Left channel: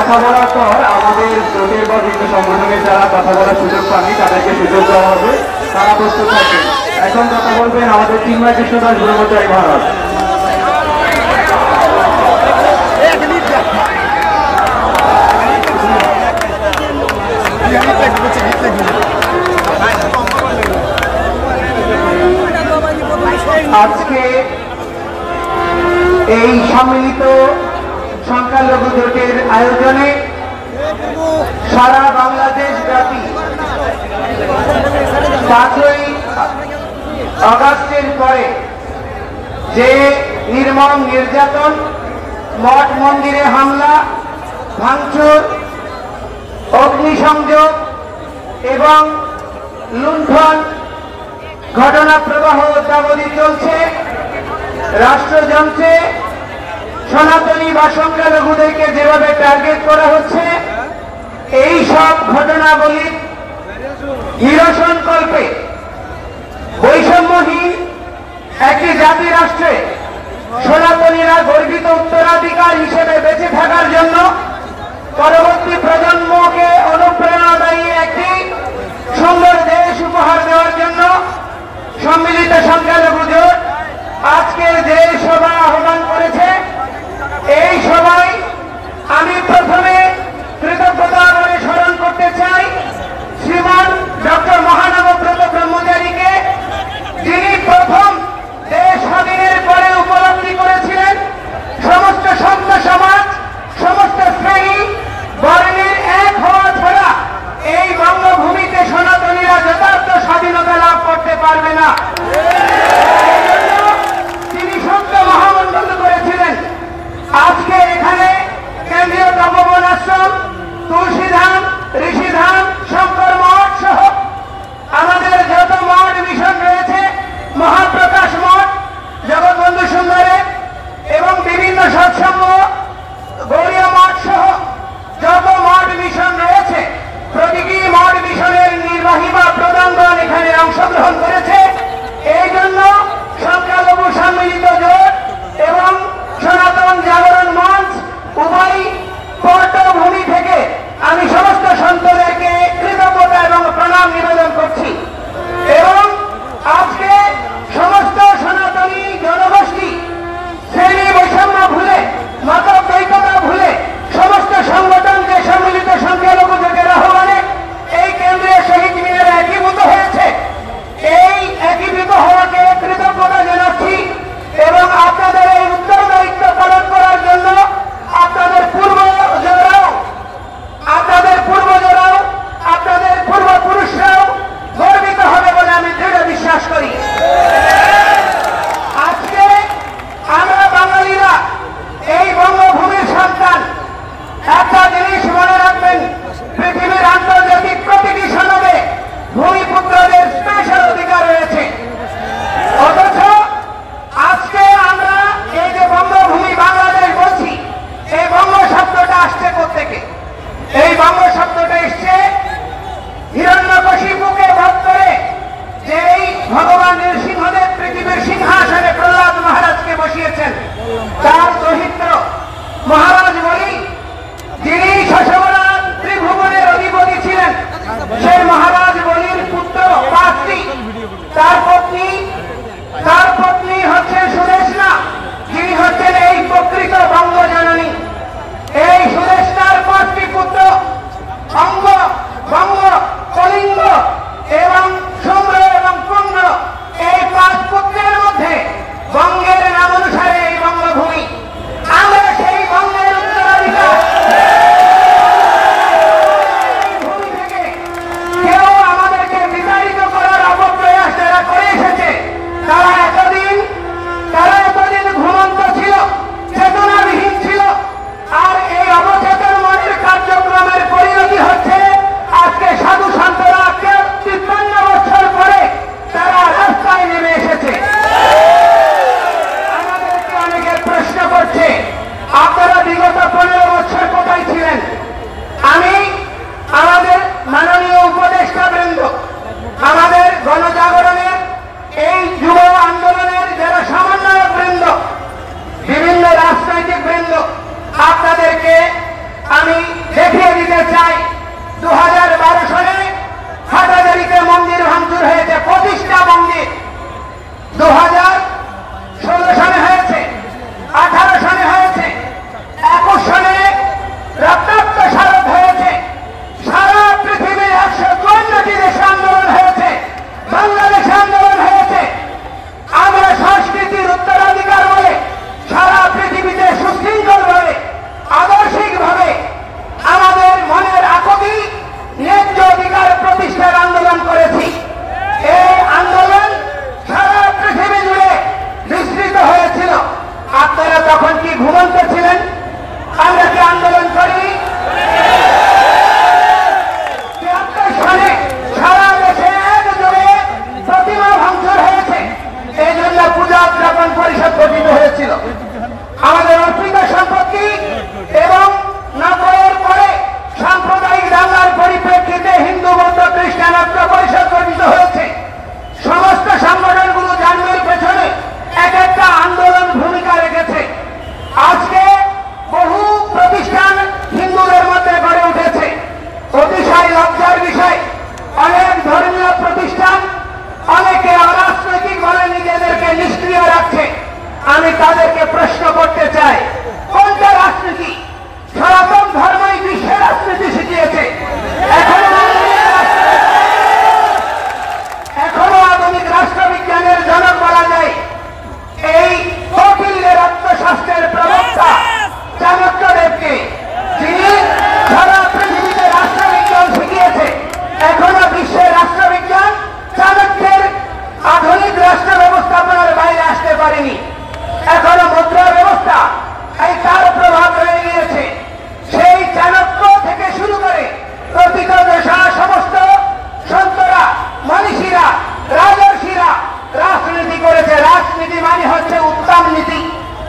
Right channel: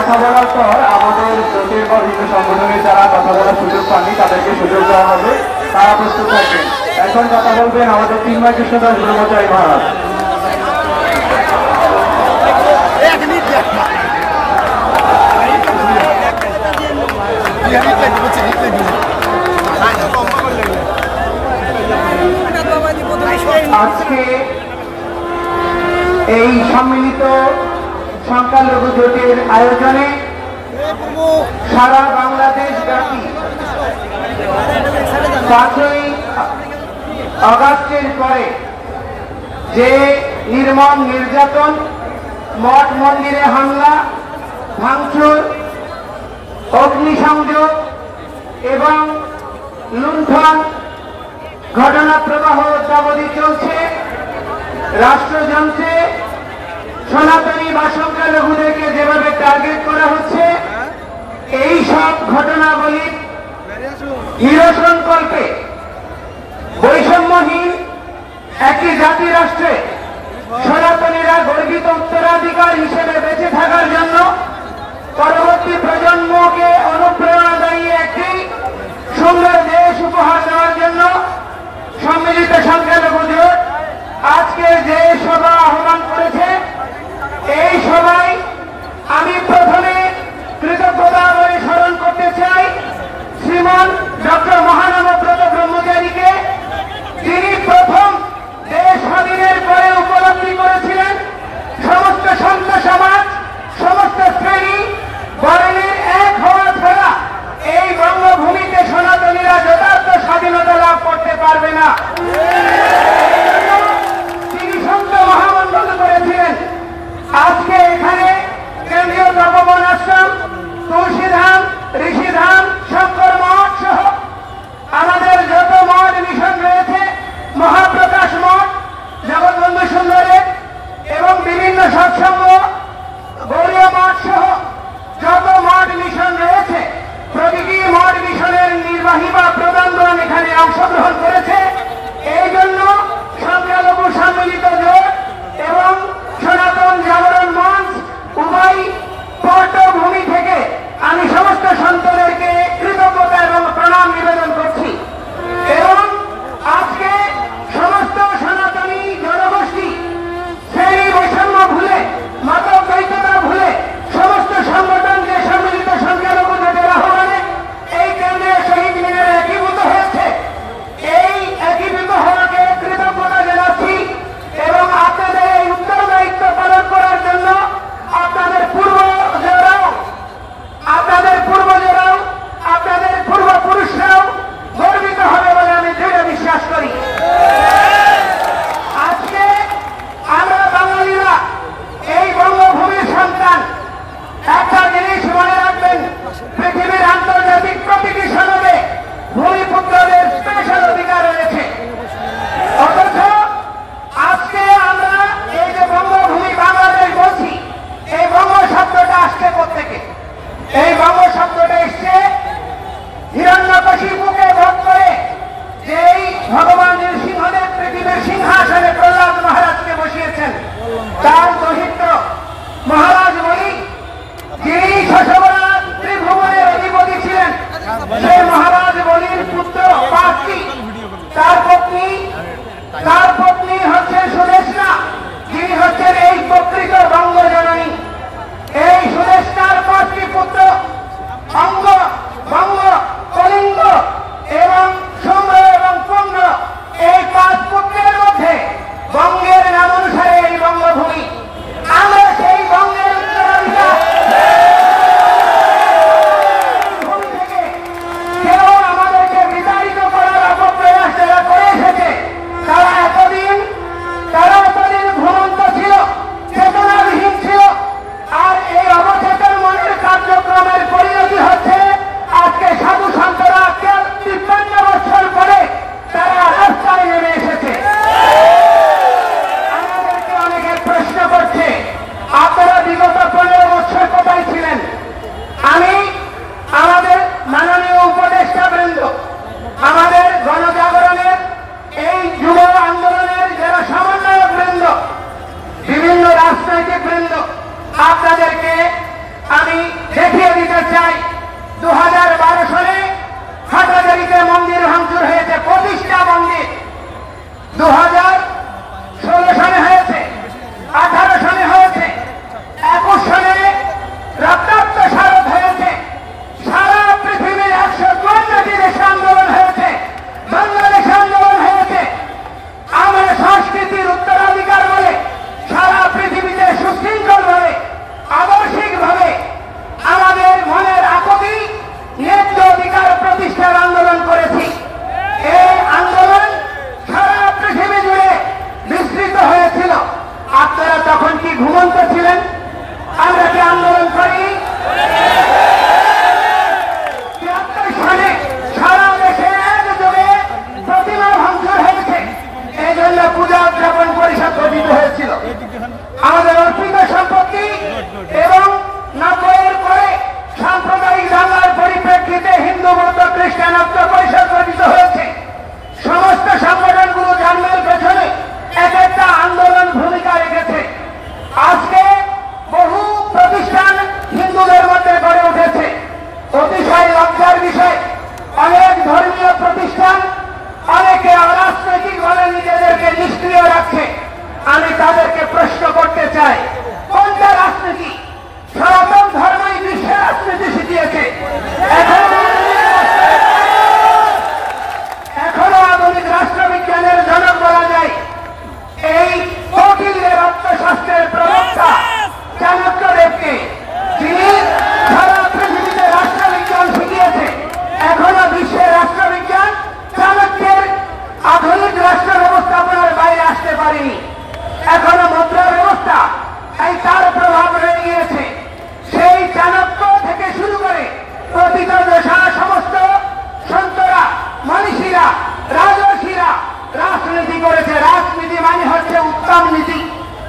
কথা বলার পর আমাদের জোটের বা বিভিন্ন সংগঠনের যারা কথা বলার সুযোগ পাননি তাদেরকে সুযোগ দেওয়া হবে, তারা প্রস্তুত থাকবেন। এখন কথা বলবেন আমাদের চিন্ময় কৃষ্ণ দাস ব্রহ্মচারী মহারাজ। আজকে এই সম্মিলিত সংখ্যালঘু জোটের আয়োজনে সারা বাংলাদেশ ব্যাপী 5ই আগস্টের পরে যে নির্মম নির্যাতন, মঠ মন্দিরে হামলা, ভাঙচুর, অগ্নিসংযোগ এবং লুণ্ঠন ঘটনা প্রবাহ অদ্যাবধি চলছে, রাষ্ট্রযন্ত্রে সনাতনী বা সংখ্যালঘুদেরকে যেভাবে টার্গেট করা হচ্ছে, এই সব ঘটনাবলী নিরসনকল্পে বৈষম্যহীন একটি জাতি রাষ্ট্রে সনাতনীরা গর্বিত উত্তরাধিকার হিসেবে বেঁচে থাকার জন্য পরবর্তী প্রজন্মকে অনুপ্রেরণাদায়ী একটি সুন্দর দেশ উপহার দেওয়ার জন্য সম্মিলিত সংখ্যালঘু জোট আজকে যে সভা আহ্বান করেছে, এই সভায় আমি প্রথমে কৃতজ্ঞতা বলে স্মরণ করতে চাই শ্রীমান ডক্টর মহানবব্রত ব্রহ্মচারীকে, যিনি প্রথম দেশ স্বাধীনের পরে উপলব্ধি করেছিলেন সমস্ত সন্ত সমাজ, সমস্ত শ্রেণী বর্ণের এক হওয়া ছাড়া এই বঙ্গভূমিতে সনাতনীরা যথার্থ স্বাধীনতা লাভ করতে পারবে না। তিনি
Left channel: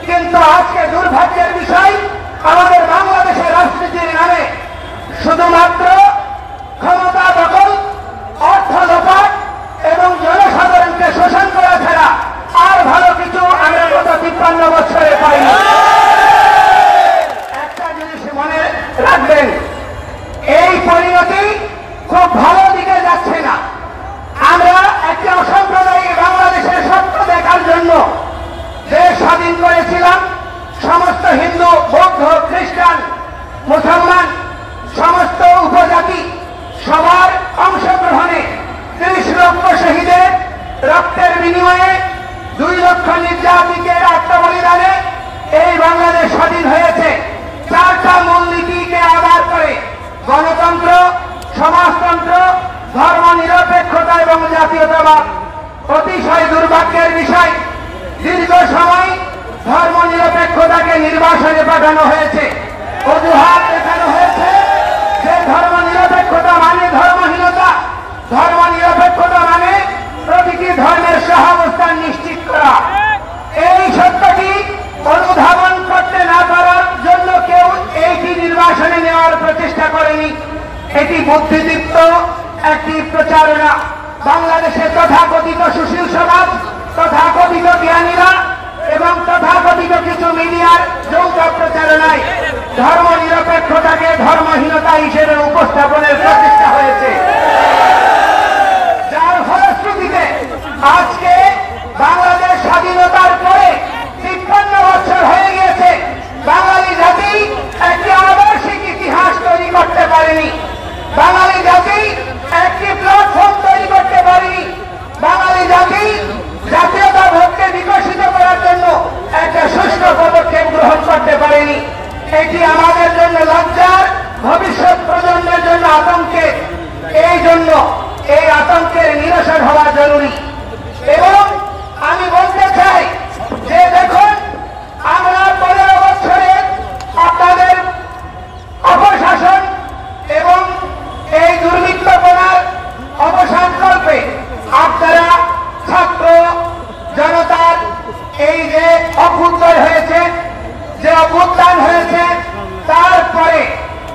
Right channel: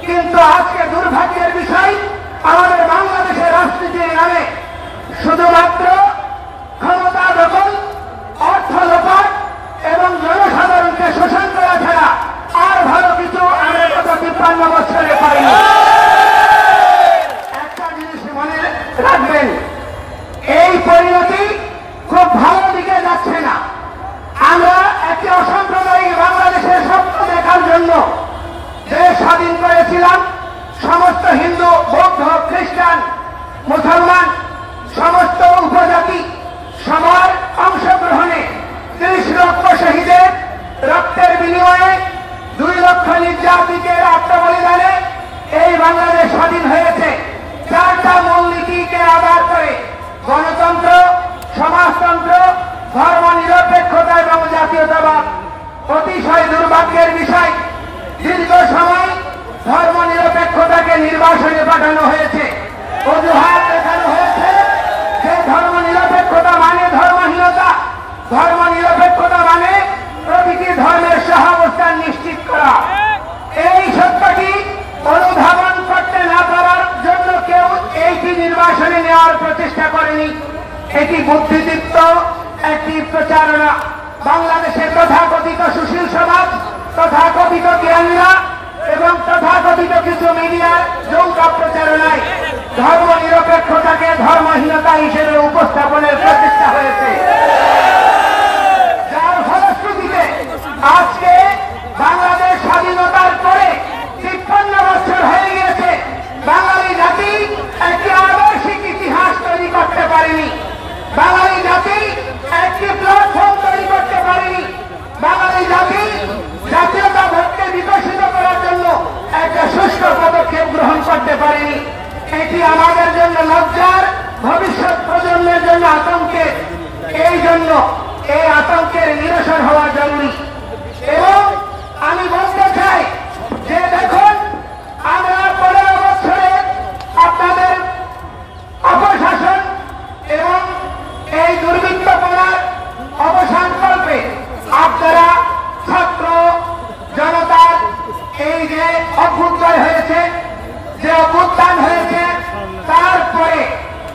কিন্তু আজকে দুর্ভাগ্যের বিষয়, আমাদের বাংলাদেশের রাজনীতির নামে শুধুমাত্র ক্ষমতা দখল, অর্থ লোপাট এবং জনসাধারণকে শোষণ করা ছাড়া আর ভালো কিছু আমরা গত 53 বছরে পাইনি। একটা জিনিস মনে রাখবেন, এই পরিণতি খুব ভালো দিকে যাচ্ছে না। আমরা একটি অসাম্প্রদায়িক বাংলাদেশের স্বপ্ন দেখার জন্য দেশ স্বাধীন করেছিলাম। সমস্ত হিন্দু, বৌদ্ধ, খ্রিস্টান, মুসলমান, সমস্ত উপজাতি সবার অংশগ্রহণে 30 লক্ষ শহীদের রক্তের বিনিময়ে 2 লক্ষ নির্যাতিতের আত্মবলিদানে এই বাংলাদেশ স্বাধীন হয়েছে। 4টা মূলনীতিকে আধার করে গণতন্ত্র, সমাজতন্ত্র, ধর্ম নিরপেক্ষতা এবং জাতীয়তাবাদ। অতিশয় দুর্ভাগ্যের বিষয়, দীর্ঘ সময় ধর্ম নিরপেক্ষতাকে নির্বাসনে পাঠানো হয়েছে। অজুহাত দেখানো হয়েছে যে ধর্ম নিরপেক্ষতা মানে ধর্মহীনতা, ধর্ম নিরপেক্ষতা মানে প্রতিটি ধর্মের সহাবস্থান নিশ্চিত করা। এই সত্যটি অনুধাবন করতে না পারার জন্য কেউ এইটি নির্বাসনে নেওয়ার প্রচেষ্টা করেনি। এটি বুদ্ধিদীপ্ত একটি প্রচারণা। বাংলাদেশের তথাকথিত সুশীল সমাজ, তথাকথিত জ্ঞানীরা এবং তথাকথিত কিছু মিডিয়ার যৌথ প্রচারণায় ধর্ম নিরপেক্ষতাকে ধর্মহীনতা হিসেবে উপস্থাপনের প্রচেষ্টা হয়েছে, যার ফলশ্রুতিতে আজকে বাংলাদেশ স্বাধীনতার পরে 53 বছর হয়ে গিয়েছে, বাঙালি জাতি একটি আদর্শিক ইতিহাস তৈরি করতে পারেনি। বাঙালি জাতি একটি প্ল্যাটফর্ম তৈরি করতে পারেনি। বাঙালি জাতি জাতীয়তাবোধকে বিকশিত করার জন্য একটা সুষ্ঠু পদক্ষেপ গ্রহণ করতে পারেনি। এটি আমাদের জন্য লজ্জার, ভবিষ্যৎ প্রজন্মের জন্য আতঙ্কের। এই জন্য এই আতঙ্কের নিরসন হওয়া জরুরি। এবং আমি বলতে চাই যে দেখুন, আমরা 15 বছরে আপনাদের অপশাসন এবং এই দুর্বৃত্তপনার অবসান করবে। আপনারা ছাত্র জনতার এই যে অভ্যুদয় হয়েছে, যে অভ্যুত্থান হয়েছে, তারপরে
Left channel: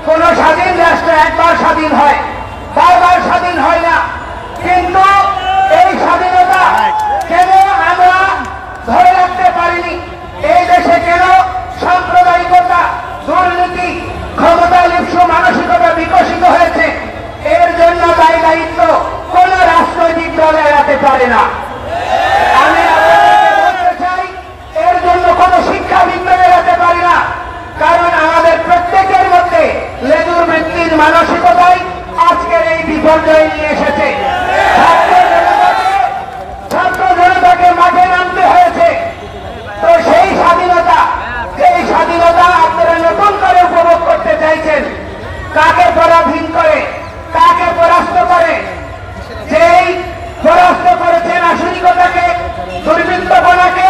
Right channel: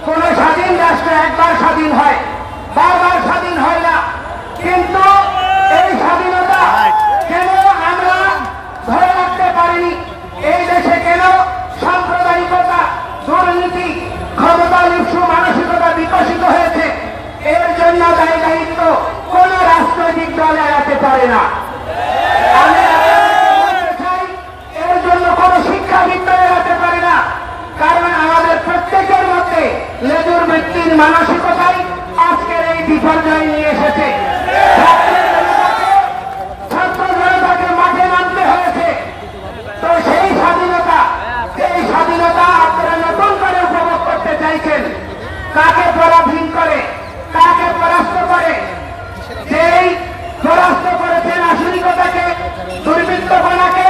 কোন স্বাধীন রাষ্ট্র একবার স্বাধীন হয়, বারবার স্বাধীন হয় না। কিন্তু এই স্বাধীনতা কেন আমরা ধরে রাখতে পারিনি? এই দেশে কেন সাম্প্রদায়িকতা, দুর্নীতি, ক্ষমতা লিপ্সু মানসিকতা বিকশিত হয়েছে? এর জন্য দায়ী দায়িত্ব কোন রাজনৈতিক দল এড়াতে পারে না। আমি বলতে চাই, এর জন্য কোন শিক্ষাবিদ এড়াতে পারি না। কারণ আমাদের প্রত্যেকের মধ্যে লেজুর ভিত্তির মানসিকতাই আজকের এই বিপর্যয় নিয়ে এসেছে। ছাত্র জনতাকে মাঠে নামতে হয়েছে। তো সেই স্বাধীনতা আপনারা নতুন করে উপভোগ করতে চাইছেন। কাকে পরাধীন করে, কাকে পরাস্ত করে? যেই পরাস্ত করেছেন আধুনিকতাকে, দুর্বৃত্তপনাকে,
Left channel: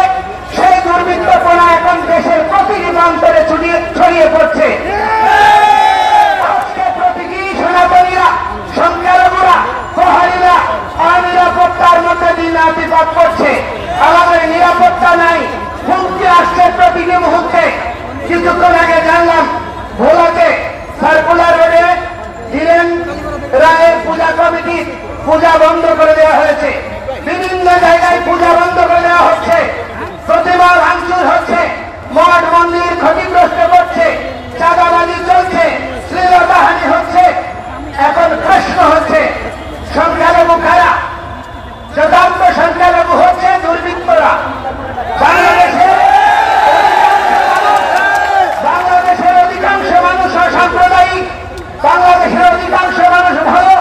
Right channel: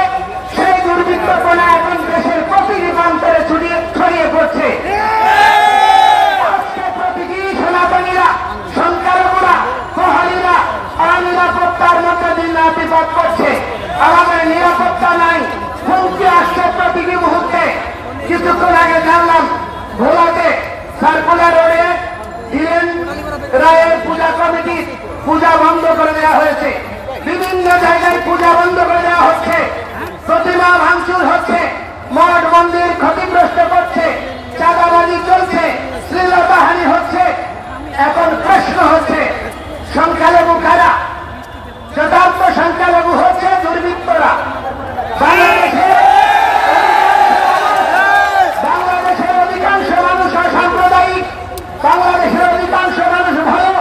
সেই দুর্বৃত্তপনা এখন দেশের প্রতিটি প্রান্তরে ছড়িয়ে পড়ছে। আজকে প্রতিটি সনাতনীরা, সংখ্যালঘুরা, প্রহরীরা অনিরাপত্তার মধ্যে দিন অতিবাদ করছে। আমাদের নিরাপত্তা নাই, হুমকি আসছে প্রতিটি মুহূর্তে। কিছুক্ষণ আগে জানলাম ভোলাতে সার্কুলার রোডে ধীরেন রায়ের পূজা কমিটির পূজা বন্ধ করে দেওয়া হয়েছে। বিভিন্ন জায়গায় পূজা বন্ধ করে দেওয়া হচ্ছে, প্রতিমা ভাঙচুর হচ্ছে, মঠ মন্দির ক্ষতিগ্রস্ত করছে, চাঁদাবাজি চলছে, শ্লীলতাহানি হচ্ছে। এখন প্রশ্ন হচ্ছে, সংখ্যালঘু কারা? চূড়ান্ত সংখ্যালঘু হচ্ছে দুর্বৃত্তরা। বাংলাদেশের অধিকাংশ মানুষ অসাম্প্রদায়িক, বাংলাদেশের অধিকাংশ মানুষ ভালো,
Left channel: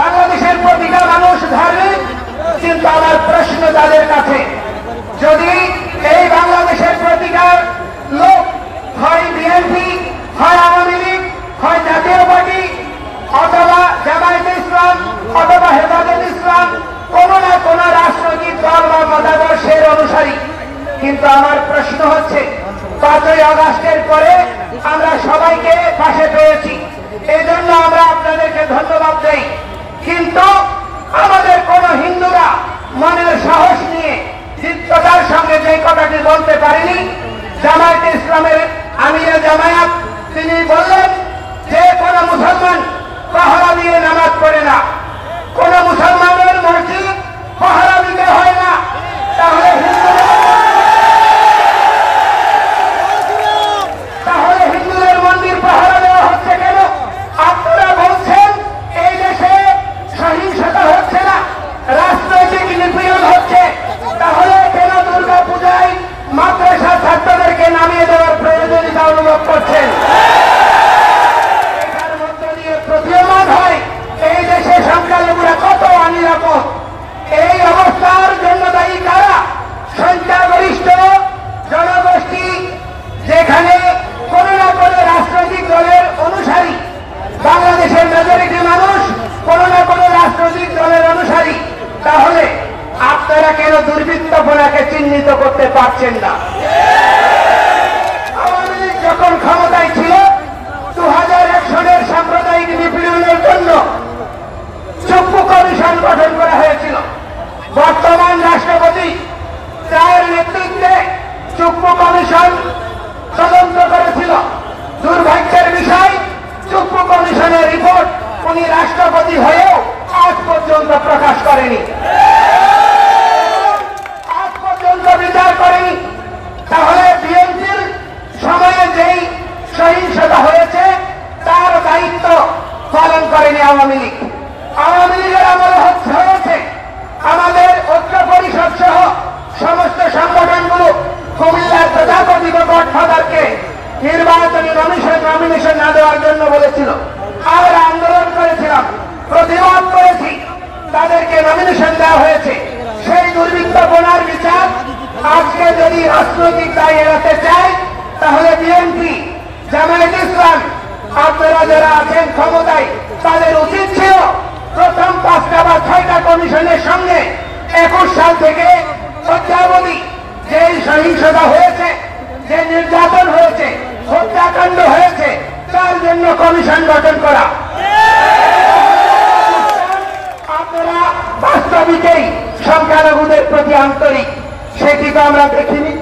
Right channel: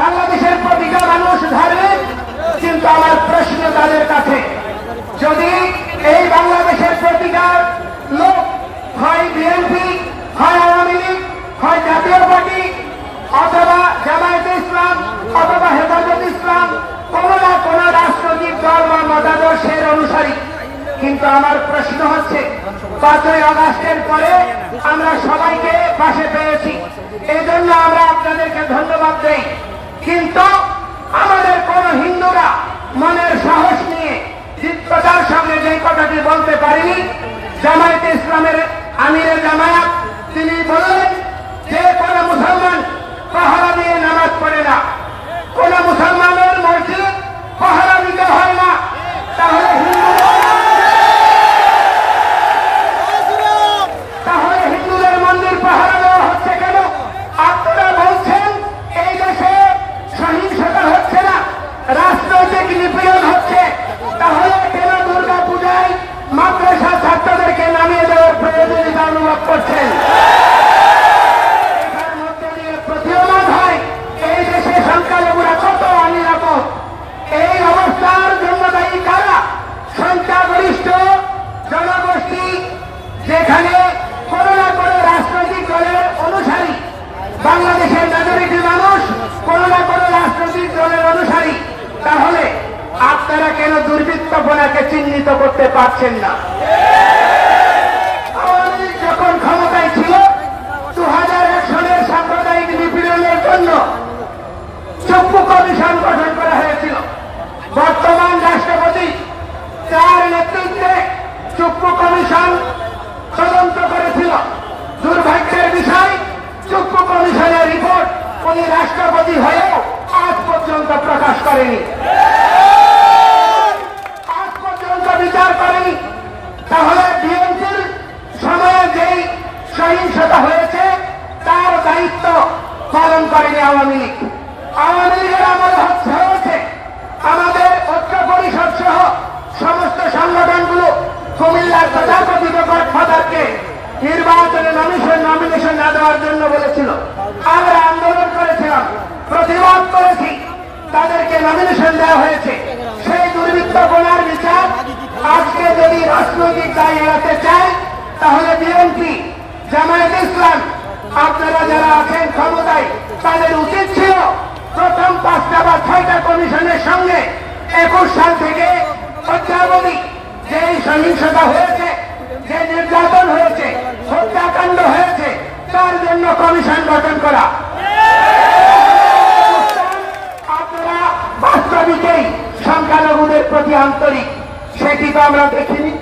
বাংলাদেশের প্রতিটা মানুষ ধার্মিক। কিন্তু আমার প্রশ্ন তাদের কাছে, যদি এই বাংলাদেশের প্রতিটা লোক হয় বিএনপি, হয় আওয়ামী লীগ, হয় জাতীয় পার্টি, অথবা জামায়াতে ইসলাম, অথবা হেফাজত ইসলাম, কোন না কোন রাজনৈতিক দল বা মতাদর্শের অনুসারী। কিন্তু আমার প্রশ্ন হচ্ছে, 5ই আগস্টের পরে আমরা সবাইকে পাশে পেয়েছি, এই জন্য আমরা আপনাদেরকে ধন্যবাদ দেই। কিন্তু আমাদের কোন হিন্দুরা মনের সাহস নিয়ে দৃঢ়তার সঙ্গে যে কথাটি বলতে পারেনি, জামায়াতে ইসলামের আমিরে জামায়াত তিনি বললেন যে কোন মুসলমান পাহারা দিয়ে নামাজ পড়ে না, কোন মুসলমানের মসজিদ পাহারা দিতে হয় না, তাহলে হিন্দুদের মন্দির পাহারা দেওয়া হচ্ছে কেন? আপনারা বলছেন এই দেশে সহিংসতা হচ্ছে না, রাজনৈতিক নিপীড়ন হচ্ছে, তাহলে কেন দুর্গা পূজায় মাদ্রাসা ছাত্রদেরকে নামিয়ে দেওয়ার প্রয়োজনীয়তা অনুভব করছেন? এটার মধ্যে দিয়ে প্রতীয়মান হয় এই দেশে সংখ্যালঘুরা কত অনিরাপদ। এই অবস্থার জন্য দায়ী কারা? সংখ্যাগরিষ্ঠ জনগোষ্ঠী, যেখানে কোন না কোন রাজনৈতিক দলের অনুসারী। বাংলাদেশের মেজরিটি মানুষ কোন না কোন রাজনৈতিক দলের অনুসারী। তাহলে আপনারা কেন দুর্বৃত্তপনাকে চিহ্নিত করতে পারছেন না? আওয়ামী লীগ যখন ক্ষমতায় ছিল 2001 সনের সাম্প্রদায়িক নিপীড়নের জন্য চক্ষু কমিশন গঠন করা হয়েছিল। বর্তমান রাষ্ট্রপতি তার নেতৃত্বে চক্ষু কমিশন তদন্ত করেছিল। দুর্ভাগ্যের বিষয়, চক্ষু কমিশনের রিপোর্ট উনি রাষ্ট্রপতি হয়েও আজ পর্যন্ত প্রকাশ করেনি, আজ পর্যন্ত বিচার করেনি। তাহলে বিএনপির সময়ে যেই সহিংসতা হয়েছে তার দায়িত্ব পালন করেনি আওয়ামী লীগ। আওয়ামী লীগের আমল হয়েছে আমাদের ঐক্য পরিষদ সহ সমস্ত সংগঠনগুলো কুমিল্লার প্রজাপতি গডফাদারকে নির্বাচনে নমিনেশন না দেওয়ার জন্য বলেছিল। আমরা আন্দোলন করেছিলাম, প্রতিবাদ করেছি, তাদেরকে নমিনেশন দেওয়া হয়েছে। সেই দুর্বৃত্তপনার বিচার আজকে যদি রাজনৈতিক দায় এড়াতে চায়, তাহলে বিএনপি, জামায়াতে ইসলাম, আপনারা যারা আছেন ক্ষমতায়, তাদের উচিত ছিল প্রথম 5টা বা 6টা কমিশনের সঙ্গে 21 সাল থেকে অদ্যাবধি যে সহিংসতা হয়েছে, যে নির্যাতন হয়েছে, হত্যাকাণ্ড হয়েছে, তার জন্য কমিশন গঠন করা। আপনারা বাস্তবিকেই সংখ্যালঘুদের প্রতি আন্তরিক, সেটি তো আমরা দেখিনি।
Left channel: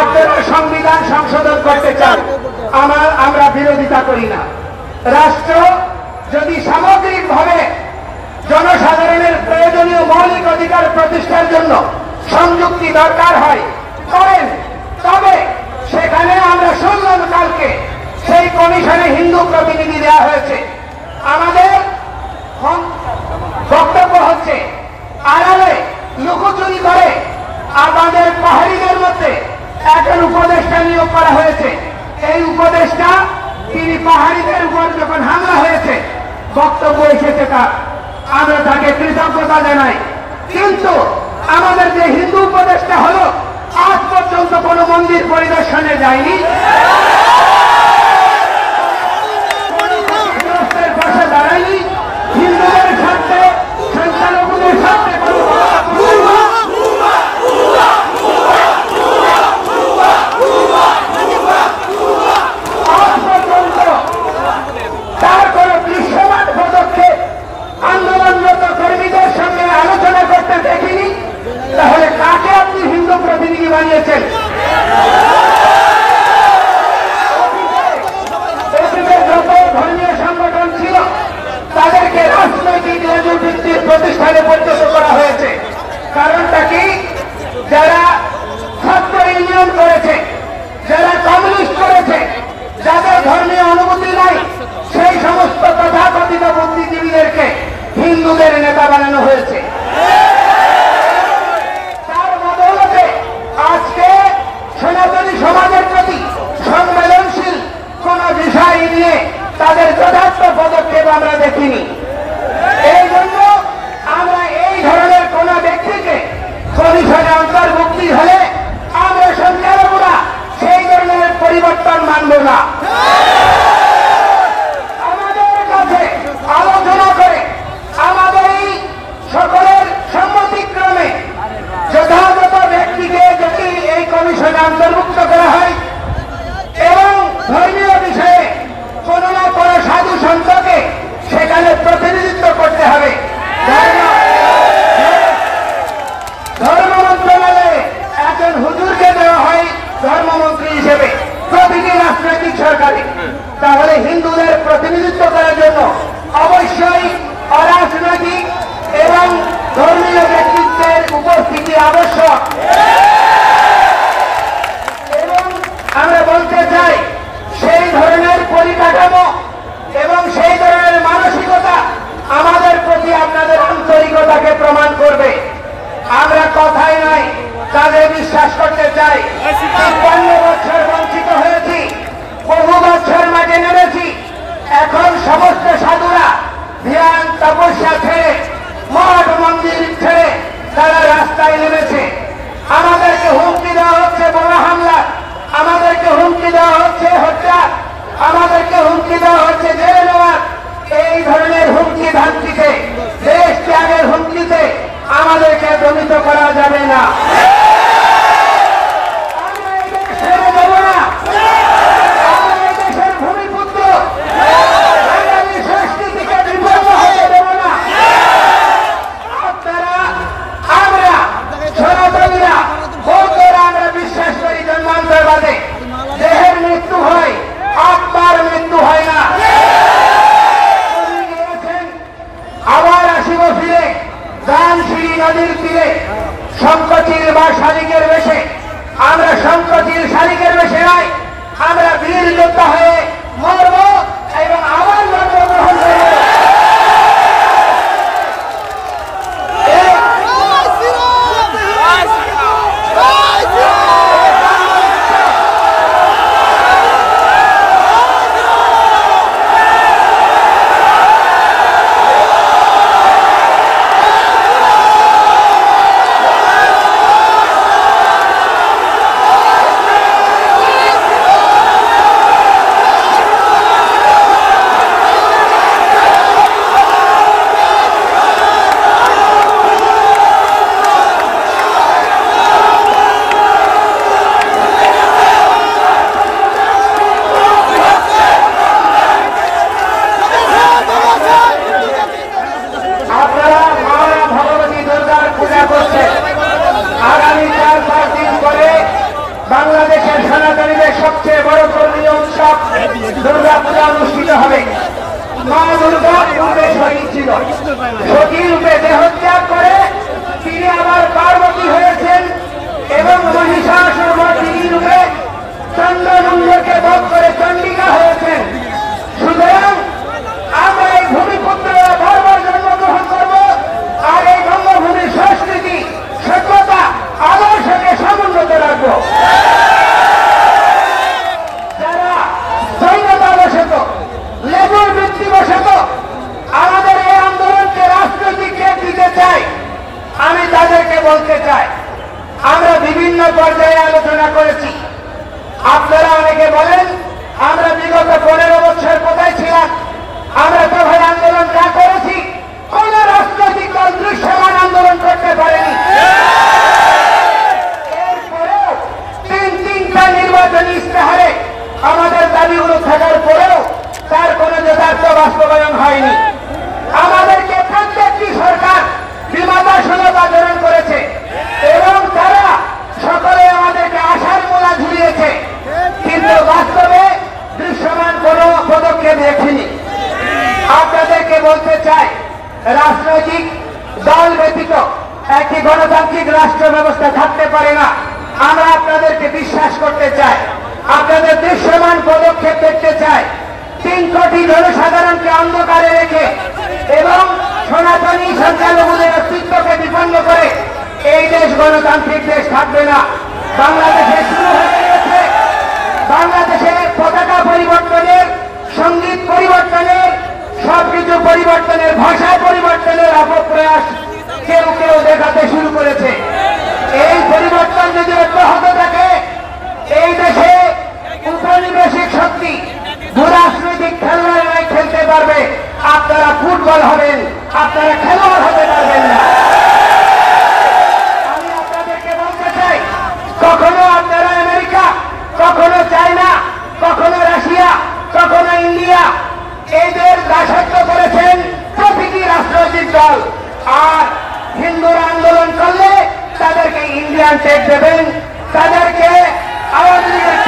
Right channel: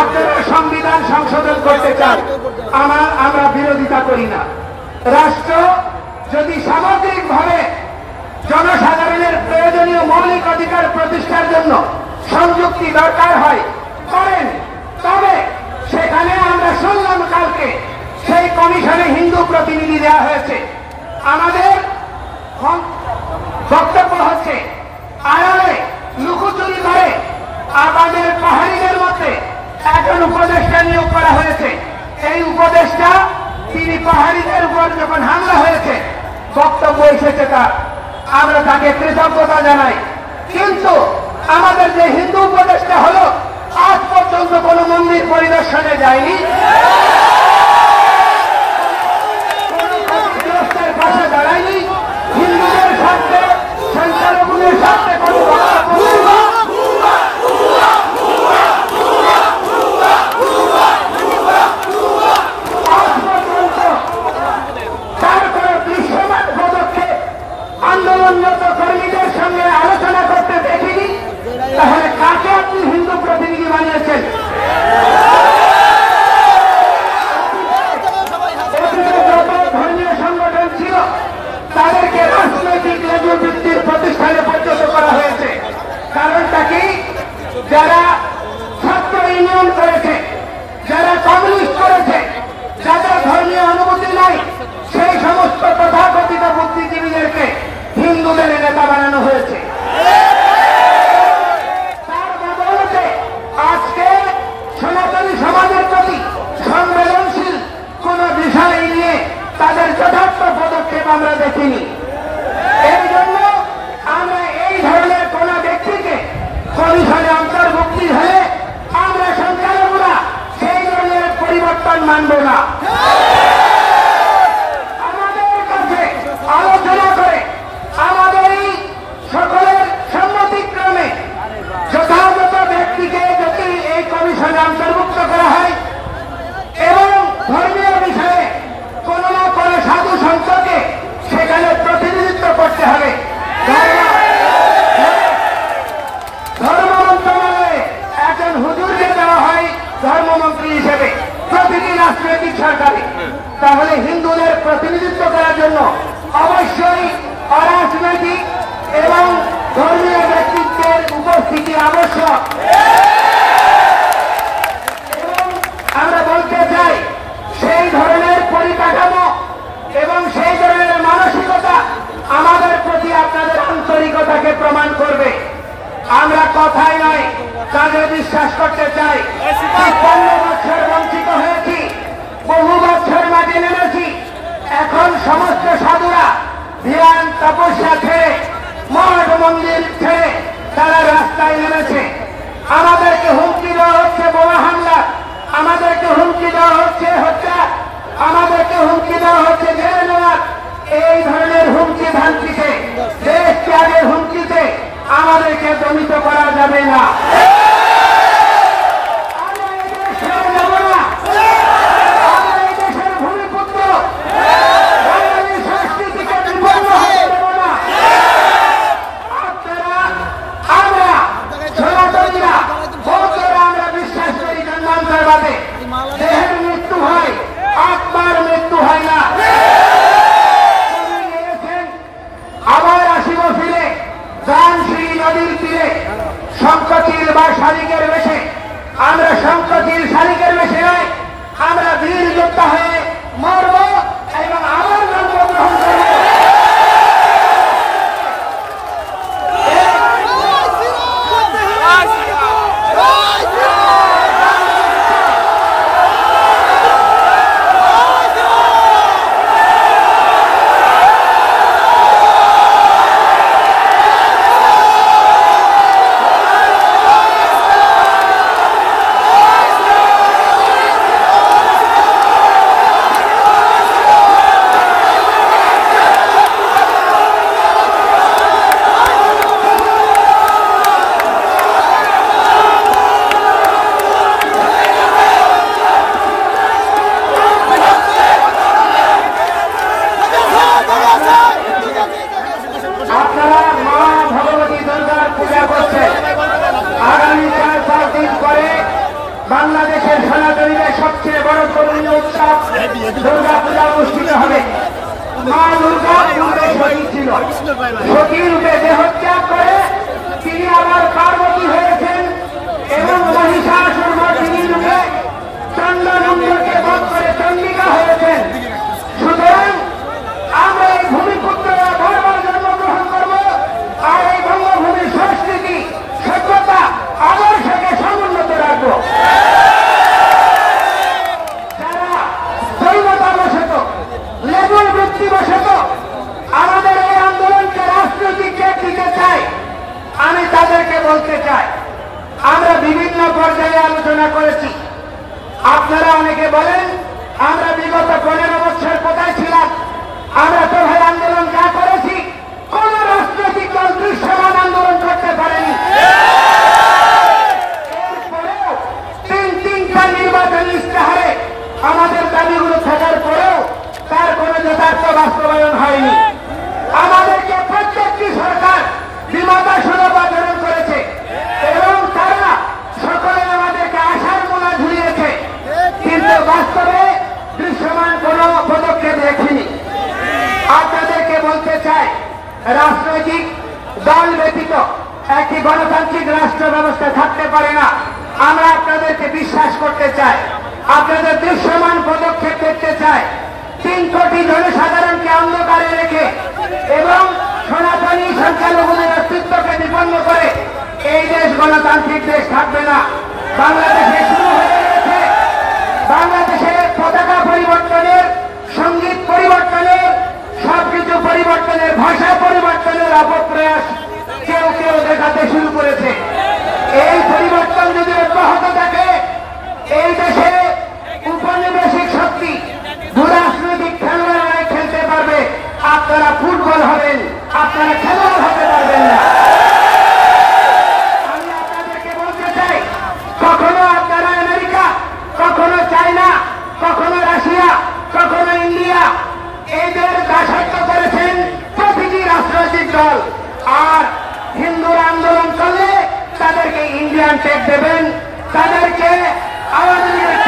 আপনারা সংবিধান সংশোধন করতে চান, আমরা বিরোধিতা করি না। রাষ্ট্র যদি সামগ্রিকভাবে জনসাধারণের প্রয়োজনীয় মৌলিক অধিকার প্রতিষ্ঠার জন্য সংযুক্তি দরকার হয় করেন, তবে সেখানে আমরা শুনলাম কালকে সেই কমিশনে হিন্দু প্রতিনিধি দেওয়া হয়েছে। আমাদের বক্তব্য হচ্ছে আড়ালে লুকোচুরি করে আমাদের পাহাড়িদের মধ্যে একজন উপদেষ্টা নিয়োগ করা হয়েছে। এই উপদেষ্টা তিনি পাহাড়িদের উপর যখন হামলা হয়েছে বক্তব্য এসেছে তার, আমরা তাকে কৃতজ্ঞতা জানাই। কিন্তু আমাদের যে হিন্দু উপদেষ্টা হলো আজ পর্যন্ত কোন মন্দির পরিদর্শনে যায়নি, পাশে দাঁড়ায়নি, হিন্দুদের স্বার্থে, সংখ্যালঘুদের স্বার্থে কোন আন্দোলনরত কর্মীদের সঙ্গে আলোচনা করতে দেখিনি। তাহলে কাকে আপনি হিন্দু প্রতিনিধি বানিয়েছেন? যত ধর্মীয় সংগঠন ছিল তাদেরকে রাজনৈতিক ভিত্তির প্রতিষ্ঠানে পরিণত করা হয়েছে। কারণটা কি? যারা ছাত্র ইউনিয়ন করেছে, যারা কমিউনিস্ট করেছে, যাদের ধর্মীয় অনুভূতি নাই, সেই সমস্ত তথাকথিত বুদ্ধিজীবীদেরকে হিন্দুদের নেতা বানানো হয়েছে। তার বদৌলতে আজকে সনাতনী সমাজের প্রতি সংবেদনশীল কোন বিষয় নিয়ে তাদের যথার্থ পদক্ষেপ আমরা দেখিনি। এই জন্য আমরা এই ধরনের কোন ব্যক্তিকে কমিশনে অন্তর্ভুক্তি হলে আমরা সংখ্যালঘুরা সেই ধরনের পরিবর্তন মানব না। আমাদের কাছে আলোচনা করে আমাদের এই সকলের সম্মতিক্রমে যথাযথ ব্যক্তিকে যদি এই কমিশনে অন্তর্ভুক্ত করা হয় এবং ধর্মীয় বিষয়ে কোন না কোন সাধু সন্তকে সেখানে হবে প্রতিটি রাজনৈতিক সরকারে। তাহলে হিন্দুদের প্রতিনিধিত্ব করার জন্য অবশ্যই অরাজনৈতিক এবং ধর্মীয় ব্যক্তিত্বের উপস্থিতি আবশ্যক। এবং আমরা বলতে চাই সেই ধরনের পরিকাঠামো এবং সেই ধরনের মানসিকতা আমাদের প্রতি আপনাদের আন্তরিকতাকে প্রমাণ করবে। আমরা কথাই নয় কাজে বিশ্বাস করতে চাই। ৫৫ বছর বঞ্চিত হয়েছি, বহু বছর মাঝে নেমেছি। এখন সমস্ত সাধুরা ধ্যান তপস্যা ছেড়ে মঠ মন্দির ছেড়ে তারা রাস্তায় নেমেছে। আমাদেরকে হুমকি দেওয়া হচ্ছে বোমা হামলা, আমাদেরকে হুমকি দেওয়া হচ্ছে হত্যা, আমাদেরকে হুমকি দেওয়া হচ্ছে জেলে নেওয়া। এই ধরনের হুমকি ধামকিতে, দেশ ত্যাগের হুমকিতে আমাদেরকে দমিত করা যাবে না। দেহের মৃত্যু হয়, আত্মার মৃত্যু হয় না। আবার আসিব ফিরে দানশিরি নদীর তীরে সম্প্রতির বা শালিকের বেশে। আমরা সম্প্রতির শালিকের বেশে নয়, আমরা বীর যোদ্ধা হয়ে মরব এবং আবার জন্মগ্রহণ করব। আপনারা মা ভগবতী দুর্গার পূজা করছেন। আগামী ৪-৫ দিন পরে বাংলাদেশের সনাতনীদের সবচেয়ে বড় ধর্মীয় উৎসব দুর্গা পূজা অনুষ্ঠিত হবে। মা দুর্গা পূর্বে শহীদ ছিল, সতী রূপে দেহত্যাগ করে তিনি আবার পার্বতী হয়েছেন এবং মহিষাসুর মর্দিনী রূপে চন্দ্রমন্দিরকে বধ করে চন্ডিকা হয়েছেন। সুতরাং আমরা এই ভূমিপুত্রেরা বারবার জন্মগ্রহণ করব আর এই বঙ্গভূমির সংস্কৃতি সভ্যতা আদর্শকে সমুন্নত রাখবো। যারা জৈবতাবশত লেবুর বৃত্তিবশত আমাদের এই আন্দোলনকে রাজনৈতিক দিক দিতে চায়, আমি তাদেরকে বলতে চাই আমরা বিভিন্ন পর্যায়ে আলোচনা করেছি। আপনারা অনেকে বলেন আমরা বিগত 15 বছর কোথায় ছিলাম, আমরা প্রধান আন্দোলন যা করেছি কোন রাজনৈতিক দল দৃশ্যমান আন্দোলন করতে পারেনি। এরপরেও তিনটা নির্বাচনী ইস্তেহারে আমাদের দাবিগুলো থাকার পরেও তার কোন যথার্থ বাস্তবায়ন হয়নি। আমাদেরকে প্রত্যেকটি সরকার বিমাদাসুলভ আচরণ করেছে এবং তারা সকলে আমাদেরকে আশার মোড়া ঝুলিয়েছে, কিন্তু বাস্তবে দৃশ্যমান কোন পদক্ষেপ দেখিনি। আপনাদেরকে বলতে চাই রাজনৈতিক দল ব্যতীত একটি গণতান্ত্রিক রাষ্ট্র ব্যবস্থা থাকতে পারে না। আমরা আপনাদেরকে বিশ্বাস করতে চাই, আপনাদের দৃশ্যমান পদক্ষেপ দেখতে চাই। 3 কোটি জনসাধারণকে অন্ধকারে রেখে এবং সনাতনী সংখ্যালঘুদের অস্তিত্বকে বিপন্ন করে এই দেশ গণতান্ত্রিক দেশ থাকবে না। বাংলাদেশে শুরু হয়ে গেছে বাংলাদেশের পতাকা পরিবর্তনের, সঙ্গীত পরিবর্তনের, সবকিছু পরিবর্তনের, ভাষা পরিবর্তনের অপপ্রয়াস কেউ কেউ দেখাতে শুরু করেছে। এই পরিবর্তন যদি অব্যাহত থাকে এই দেশে উপনিবেশিক শক্তি রাজনৈতিক খেলোয়াড়রাই খেলতে পারবে। আপনারা ফুটবল হবেন, আপনারা খেলোয়াড় হতে পারবেন না। আমি আপনাদেরকে বলতে চাই কখনো আপনারা আমেরিকা, কখনো চায়না, কখনো রাশিয়া, কখনো ইন্ডিয়া এদের দাসত্ব করেছেন প্রতিটি রাজনৈতিক দল। আর হিন্দুরা আন্দোলন করলে তাদেরকে ইন্ডিয়ান টেক দেবেন, তাদেরকে আওয়ামী লীগের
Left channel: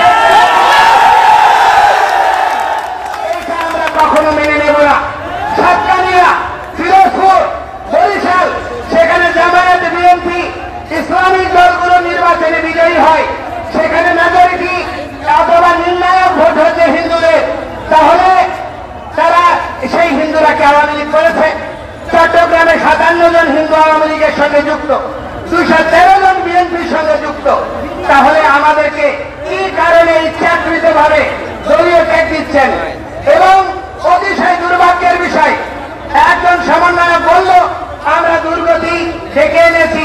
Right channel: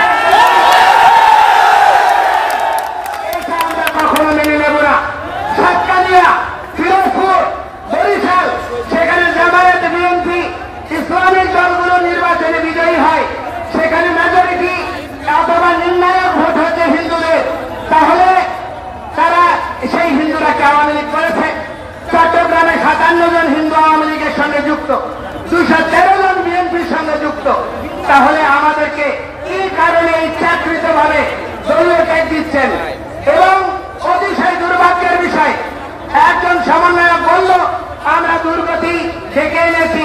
লীগের সঙ্গে যুক্ত, 213 জন বিএনপির সঙ্গে যুক্ত। তাহলে আমাদেরকে কি কারণে ইচ্ছাকৃত ভাবে দলীয় ত্যাগ দিচ্ছেন? এবং অতিশয় দুর্ভাগ্যের বিষয়, একজন সমন্বয়ক বলল আমরা দুর্গতি ডেকে এনেছি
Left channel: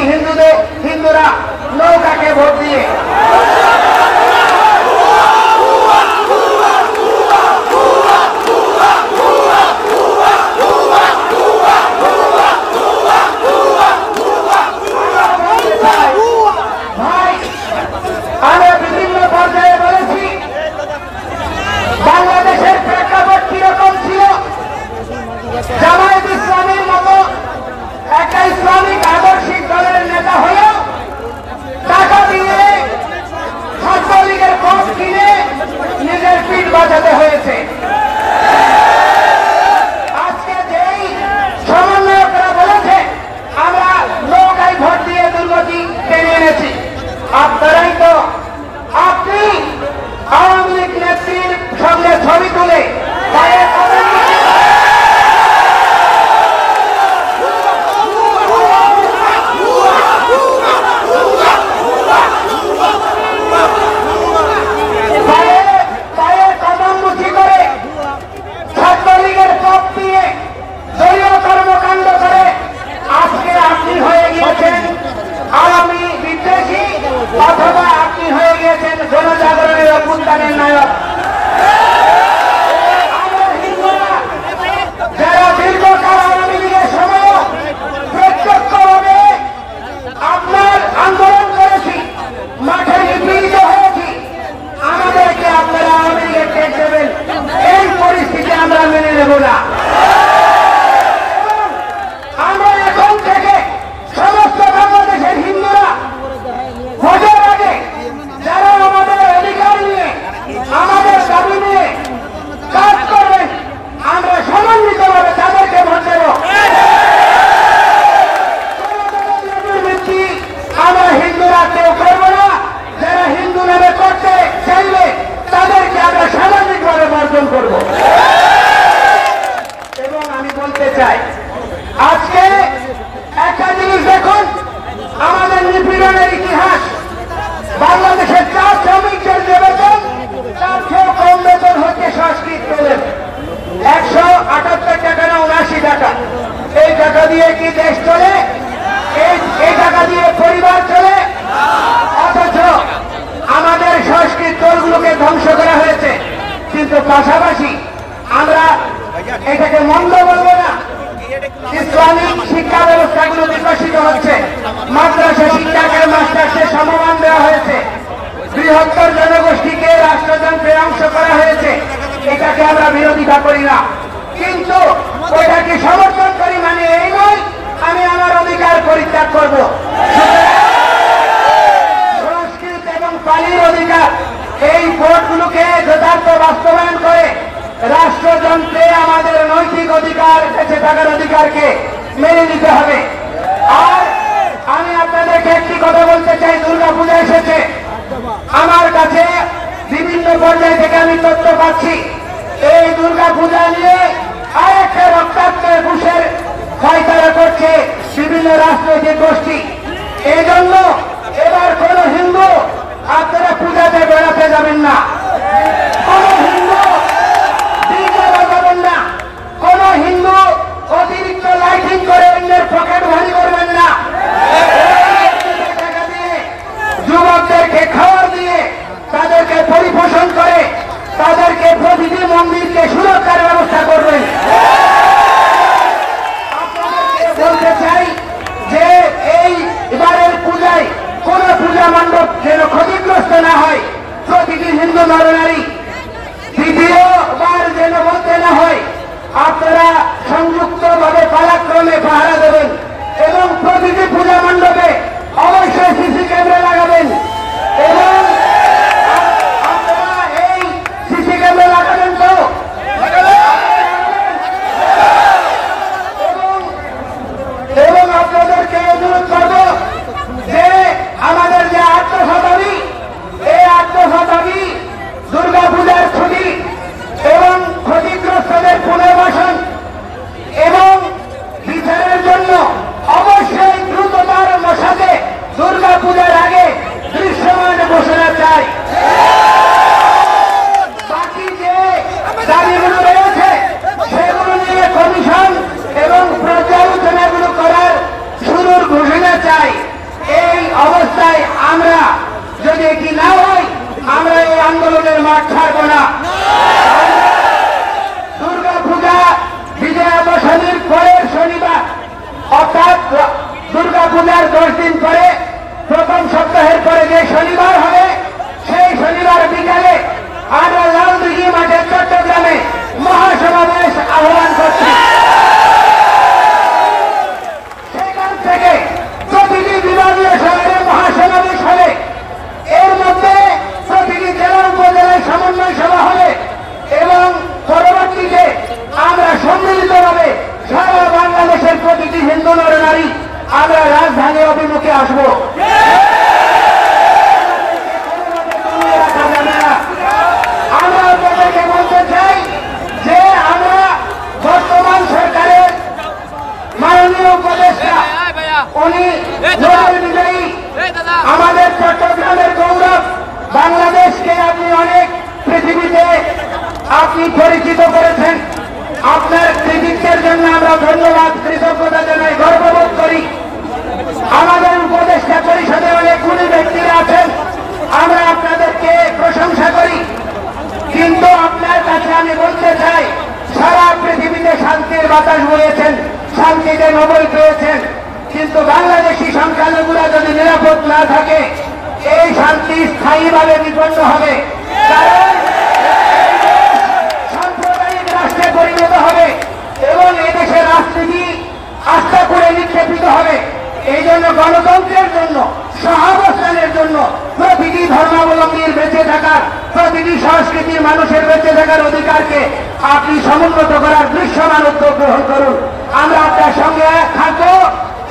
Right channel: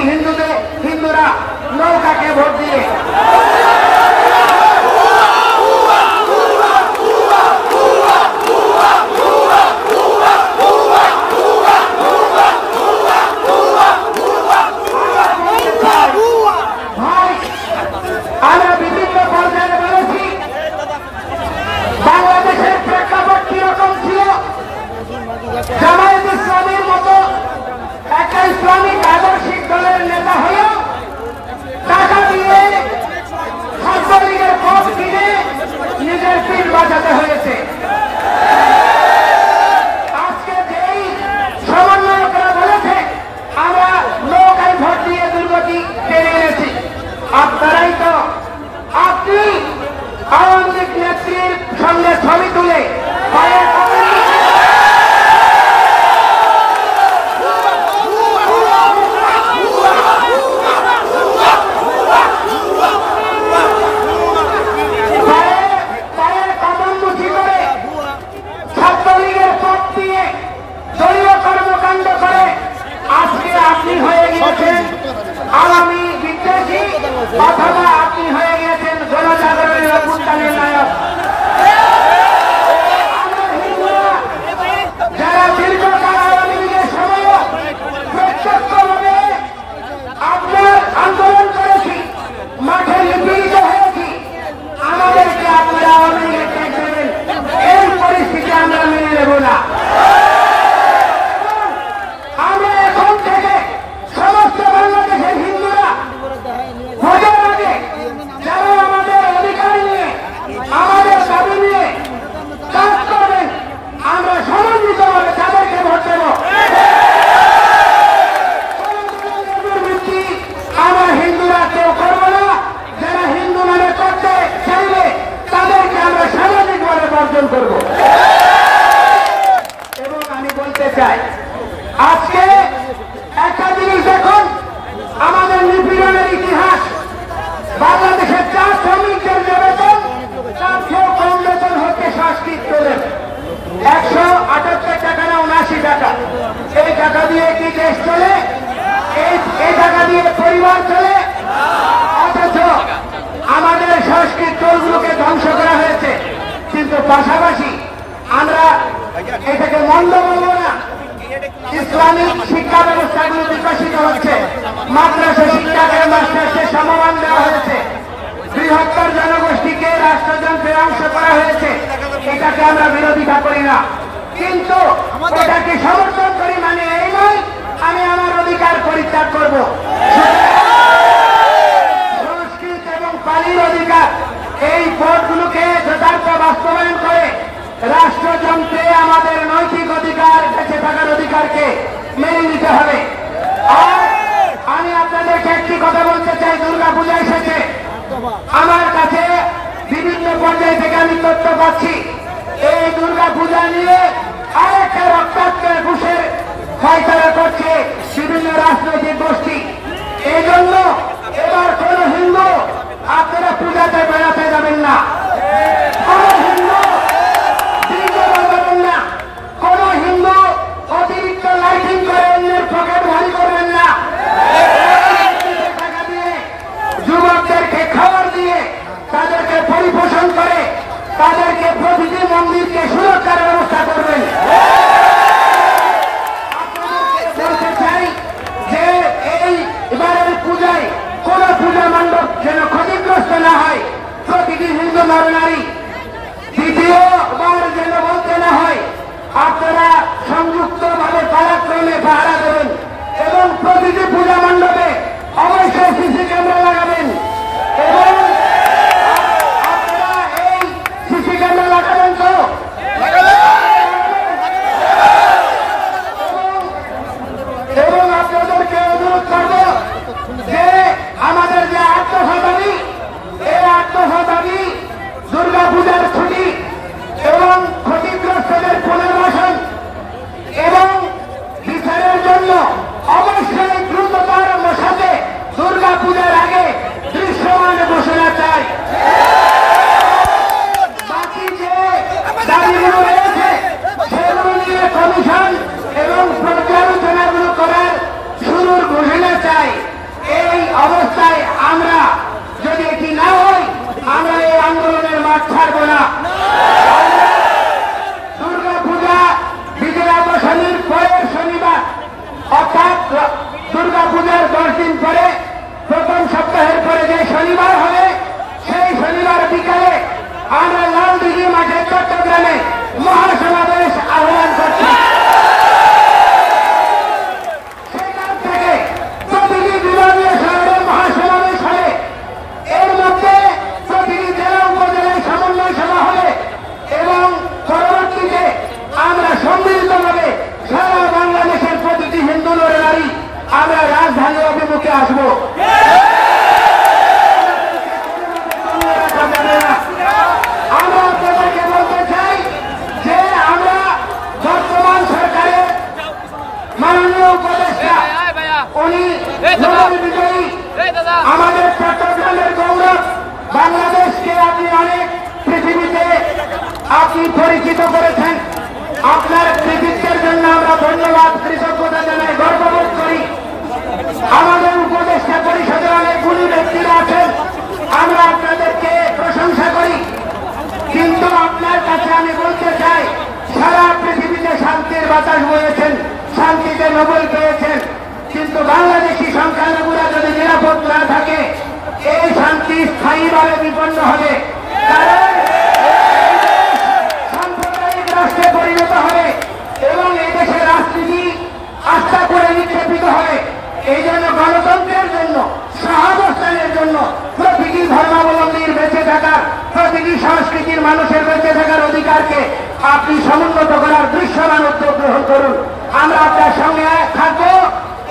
হিন্দুরা নৌকাকে ভোট দিয়ে। আমরা বিভিন্ন পর্যায়ে বলেছি বাংলাদেশের প্রেক্ষাপট কিরকম ছিল। জামায়াত ইসলামীর মতো একটা ইসলামিক আদর্শিক দলের নেতা হয়েও টাকা দিয়ে ছাত্রলীগের পথ কিনে নিজের পিঠ বাঁচাতে হয়েছে। আজকে যেই সমন্বয়করা বলেছে আমরা নৌকায় ভোট দিয়ে দুর্গতি টেনে এনেছি, আপনারাই তো আপনি আওয়ামী লীগ নেত্রীর সঙ্গে ছবি তুলে ছাত্রলীগের পথ দিয়ে দলীয় কর্মকাণ্ড করে আজকে আপনি হয়ে গিয়েছেন আওয়ামী বিদ্বেষী, অথবা আপনি হয়ে গিয়েছেন গণজাগরণের অভ্যুত্থানের নায়ক। যারা দীর্ঘকাল আওয়ামী লীগের সময় প্রত্যক্ষভাবে আপনার আন্দোলন করেছি, মাঠে নিপীড়িত হয়েছি, আমাদেরকে আপনারা আওয়ামী লীগের ত্যাগ দেবেন, এই পরিস্থিতি আমরা মেনে নেব না। আমরা এখন থেকে সমস্ত বাংলাদেশের হিন্দুরা ভোটের আগে যারা আমাদের অধিকার নিয়ে আমাদের দাবি নিয়ে কাজ করবেন, আমরা সমন্বিতভাবে তাদেরকে ভোট দেব। আমরা হিন্দুরা কেউ করবো না, যারা হিন্দু নামে করতে চাইলে তাদেরকে আমরা সামাজিকভাবে বর্জন করব। এবং আমি বলতে চাই, আজকে একটা জিনিস দেখুন, আমাদের নিপীড়নের ইতিহাস, বাংলাদেশের 4 শ্রমিকদের যে বেতন তার চেয়েও কম বেতন হচ্ছে সংস্কৃতদের 178 টাকা না 79 টাকা। এই টাকা দিয়ে কি দেশ চলে? এই টাকা দিয়ে পরিবার চলে? অথচ আমাদের সংস্কৃত দলগুলোকে ধ্বংস করা হয়েছে। কিন্তু পাশাপাশি আমরা এটাকে মন্দ বলবো না, ইসলামিক শিক্ষা ব্যবস্থাগুলো বিকশিত হচ্ছে, মাদ্রাসা শিক্ষাকে মাস্টার্সে সমমান দেওয়া হয়েছে, বৃহত্তর জনগোষ্ঠীকে রাষ্ট্রযন্ত্রের অংশ করা হয়েছে। এটাকে আমরা বিরোধিতা করি না, কিন্তু এটাকে সমর্থন করি মানে এই নয় আমি আমার অধিকার পরিত্যাগ করব। সংস্কৃত এবং পালির অধিকার, এই ভোটগুলোকে যথার্থ বাস্তবায়ন করে রাষ্ট্রযন্ত্রে আমাদের নৈতিক অধিকার, বেঁচে থাকার অধিকারকে মেনে নিতে হবে। আর আমি আপনাদেরকে একটি কথা বলতে চাই, দুর্গাপূজা এসেছে, আমার কাছে বিভিন্ন পর্যায় থেকে আমি তথ্য পাচ্ছি এই দুর্গাপূজা নিয়ে আরেকটা রক্তাক্তের ঘুষের ফাইসারা করছে বিভিন্ন রাজনৈতিক গোষ্ঠী। এই জন্য এবার কোন হিন্দু আপনারা পূজাতে বেড়াতে যাবেন না, কোন হিন্দু ডিজে বাজাবেন না, কোন হিন্দু অতিরিক্ত লাইটিং করে অন্যের পকেট ভারী করবেন না। টাকা দিয়ে যুবকদেরকে খাবার দিয়ে তাদেরকে পরিপোষণ করে তাদেরকে প্রতিটি মন্দিরকে সুরক্ষার ব্যবস্থা করবেন। বলতে চাই যে এই এবারের পূজায় কোন পূজা মণ্ডপ যেন ক্ষতিগ্রস্ত না হয়, প্রতিটি হিন্দু নরনারী দ্বিতীয়বার যেন বলতে না হয়, আপনারা সংযুক্তভাবে পালাক্রমে পাহারা দেবেন এবং প্রতিটি পূজা মণ্ডপে অবশ্যই সিসি ক্যামেরা লাগাবেন এবং আপনারা এই সিসি ক্যামেরা লাগাবেন তো এবং আপনাদেরকে অনুরোধ করব যে আমাদের যে 800 দাবি, এই 800 দাবি দুর্গাপূজার ছুটি এবং ক্ষতিগ্রস্তদের পুনর্বাসন এবং বিচারের জন্য অবশ্যই দ্রুত মাঠ ছাড়বো না। দুর্গা পূজা বিজয়া দশমীর পরের শনিবার অর্থাৎ দুর্গা পূজার 10 দিন পরে প্রথম সপ্তাহের পরে যে শনিবার হবে সেই শনিবার বিকালে আমরা লালদিঘির মাঠে চট্টগ্রামে মহাসমাবেশ আহ্বান করছি। সেখান থেকে প্রতিটি বিভাগীয় শহরে মহাসমাবেশ হবে। এর মধ্যে প্রতিটি জেলা উপজেলায় সমন্বয় সভা হবে এবং পরবর্তীতে আমরা সম্মিলিতভাবে সারা বাংলাদেশের প্রতিটি হিন্দু নারী আমরা রাজধানী অভিমুখে আসবো। আমরা আপনাদেরকে বলতে চাই যে আমরা বর্তমান সরকারের মাননীয় উপদেষ্টা উনি নোবেল বিজয়ী, আমাদের চট্টগ্রামের গৌরব, বাংলাদেশকে আপনি অনেক পৃথিবীতে আপনি পরিচিত করেছেন। আপনার কৃতিত্বের জন্য আমরা ধন্যবাদ কৃতজ্ঞতা জানাই, গর্ববোধ করি। আমাদের উপদেষ্টা পরিষদে অনেক গুণী ব্যক্তিরা আছেন, আমরা আপনাদেরকে প্রশংসা করি। কিন্তু আপনার কাছে আমি বলতে চাই, সারা পৃথিবীতে শান্তির বাতাস বয়েছেন, শান্তিতে নোবেল পেয়েছেন, কিন্তু বাংলাদেশি সংখ্যালঘুরা যদি নিরাপদ না থাকে এই শান্তি স্থায়ীভাবে বিপন্ন হবে, কারণ সাম্প্রদায়িক রাষ্ট্রে পরিণত হবে এবং এদেশের রাজনীতি আস্থা করে নিক্ষেপিত হবে। এই জন্য গণতন্ত্রের জন্য, সহাবস্থানের জন্য, প্রতিটি ধর্মাবলম্বীর বেঁচে থাকার, প্রতিটি সংস্কৃতির মানুষের বেঁচে থাকার অধিকারকে আপনি সমুন্নত করার দৃশ্যমান উদ্যোগ গ্রহণ করুন। আমরা আপনার সঙ্গে থাকবো